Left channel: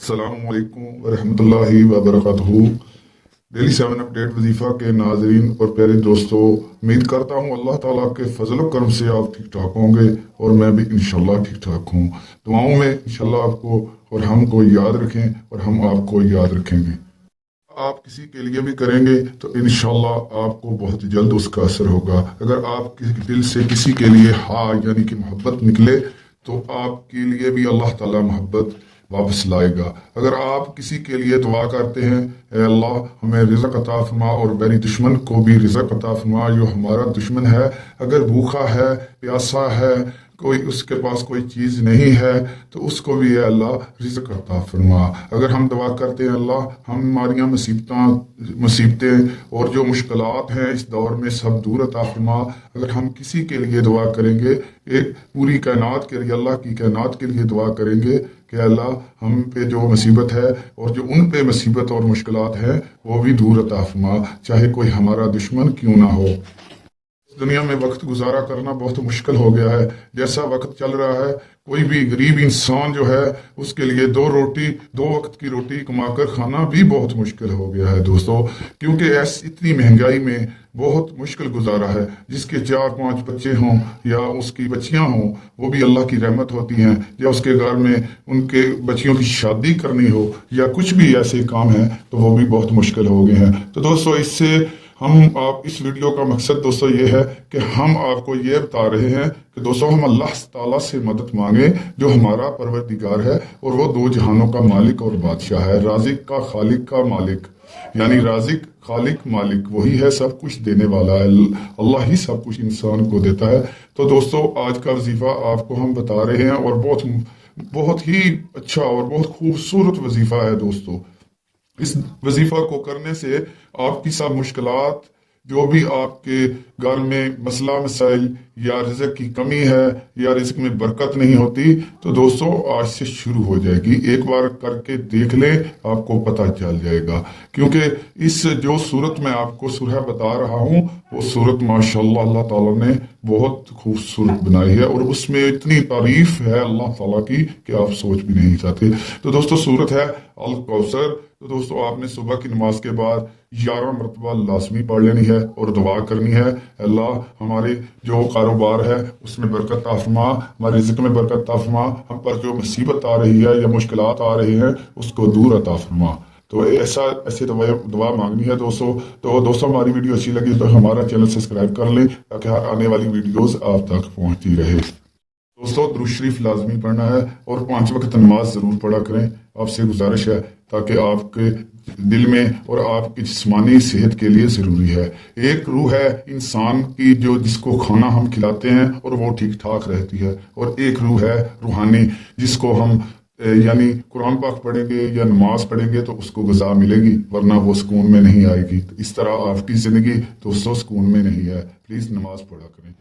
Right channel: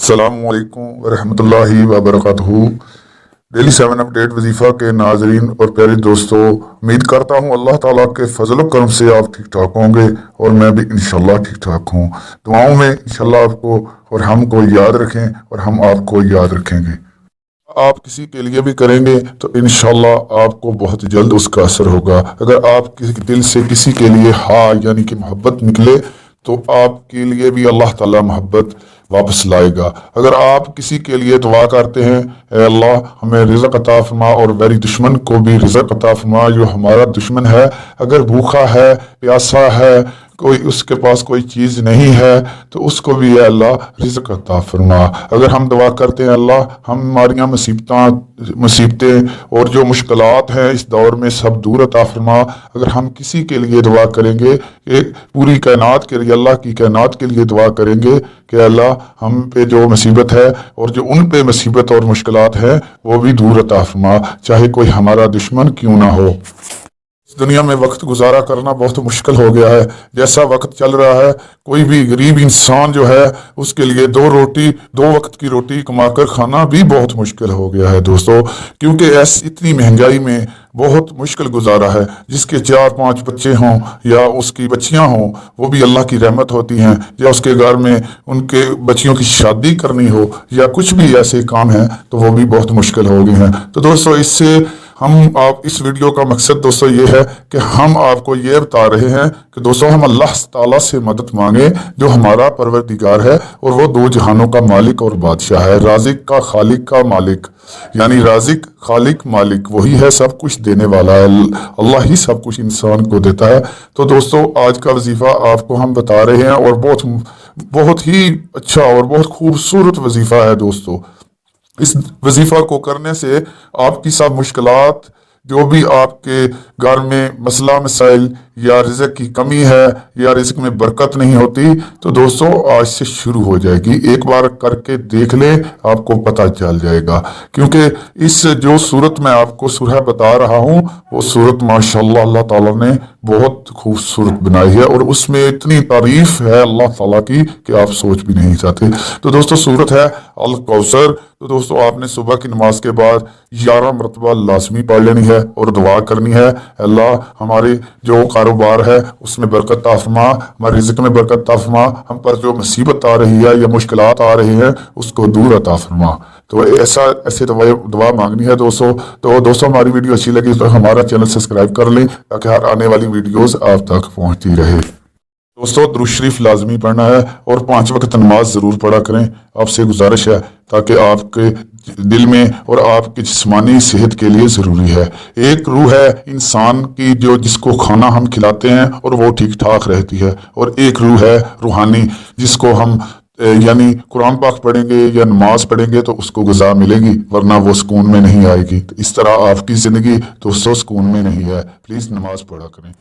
अस्सलाम वालेकुम वरहमतुल्लाहि वबरकातुहू। डेली 7 अपडेट वजीफ़ा के नाजरीन और प्यारे दोस्तों, उम्मीद करता हूँ अल्लाह ताला के फजल करम से आप ठीक ठाक होंगे और मैं भी इंशाल्लाह ठीक ठाक हूँ। दुआओं में इंशाल्लाह आपको और हमको याद रखें और हम आपको याद रखेंगे। आप किसी के लिए भी करेंगे तो इंशाल्लाह आपको बहुत जल्द उसका असर होगा। अगर आप किसी दिल से किसी के लिए हाँ यानी कि मोहब्बत निकले तो आपके लिए भी अल्लाह ताला मोहब्बत वापस लाएगा। अगर आप किसी के लिए दुआ करते हैं, ए अल्लाह हमें रिज़्क़ अता फरमा और मेरी दुश्मन को भी रिज़्क़ अता फरमा, जो हमारा दुश्मन है अगर भूखा है प्यासा है कोई उसके पास कोई चीज़ नहीं है तो उसको भी या अल्लाह रिज़्क़ अता फरमा। अगर हम दुआ करते हैं अल्लाह हमारी मुसीबतें और जो मुश्किलात हैं इस दौर में सब दूर अता फरमा। अगर हम किसी के लिए दुआ करेंगे कि पूरी कायनात के लिए अल्लाह की कायनात के लिए दुआ करेंगे कि अल्लाह हम पे जो मुसीबत है और जो उन पे मुसीबत और मुश्किलात है वो भी दूर अता फरमा, चाहे कोई हमारा दुश्मन क्यों ना हो। इस दुनिया में वक्त गुजारा करना बहुत मुश्किल हो गया है। जैसा वक्त चल रहा है कोई भी गरीब इंसान जो है उसके लिए दो वक्त की रोटी कमाकर खाना भी बहुत मुश्किल हो गया है दोस्तों, क्योंकि इतनी महंगाई में बहुत मुश्किल गुजारा है। जिसके 4-5 बच्चे हों या उसकी बच्चियां हों वो भी अल्लाह की रहमत होती हैं, या उसके घर में उनके बच्चियों की शादी करनी हो या कुछ भी ऐसे काम हैं तो वो भी बहुत मुश्किल हो गए हैं। तो दोस्तों इससे आप इस वीडियो का मकसद दोस्तों ये है कि हम आपको ये बता रहे हैं कि दोस्तों हम अल्लाह ताला से मदद मांगे जो हमारा परवरदिगार है और वो दो जहानों का मालिक और बादशाह है, राजिक का खालिक का मालिक, यानी राजिक खालिक मालिक वही है, सब कुछ देने वाला है। अल्लाह ही सब कुछ इंसान को देता है। तो दोस्तों आज का वजीफा आपको हम बता रहे हैं और बहुत ही अच्छा और बहुत खूबसूरत वजीफा है दोस्तों। इस वजीफा को करने से आपकी सब मुश्किलात जो भी आपके घर में मसला मसाइल या रिज़्क़ की कमी है या रिज़्क़ में बरकत नहीं होती तो दोस्तों आज से शुरू हो जाएगी। एक बार करके देख ले आपको पता चल जाएगा, क्योंकि इस जो सूरत मैं आपको सुरह बता रहा हूँ वो सूरत माशाल्लाह अल्लाह ताला ने बहुत खूबसूरत बनाई है और उसमें इतनी तारीफ है अल्लाह ताला की कि आप सोच भी नहीं चाहते। तो दोस्तों सूरत है अल कौसर। तो दोस्तों आपने सुबह की नमाज के बाद 11 मरतबा लाजमी पढ़ लेनी है और दुआ करनी है, अल्लाह हमारे जो कारोबार है उसमें बरकत अता फरमा, हमारे रिज़्क़ में बरकत अता फरमा, हम पर जो मुसीबत आ रही है या मुश्किलात आ रही हैं उसको दूर अता फरमा। तो ऐसे दुआ मांगनी है दोस्तों। तो दोस्तों हमारी वीडियो अच्छी लगी तो हमारा चैनल सब्सक्राइब कर लें ताकि हर आने वाली वीडियोस आप तक पहुंचती रहे। दोस्तों दुरूद शरीफ लाजमी पढ़ना है और 5 वक्त नमाज ज़रूर पढ़ा करें, आपसे गुजारिश है, ताकि आपके दिल में और आपकी जिस्मानी सेहत के लिए ज़रूरी है। एक रूह है इंसान की जो जिसको खाना हम खिलाते हैं और वो ठीक ठाक रहती है, और एक रूह है रूहानी जिसको हम यानी कुरान पाक पढ़ेंगे या नमाज पढ़ेंगे तो उसको ग़िज़ा मिलेगी, वरना वो सुकून में नहीं आएगी। तो इस तरह आपकी ज़िंदगी दोस्तों सुकून में नहीं है। प्लीज़ नमाज पढ़ा करें।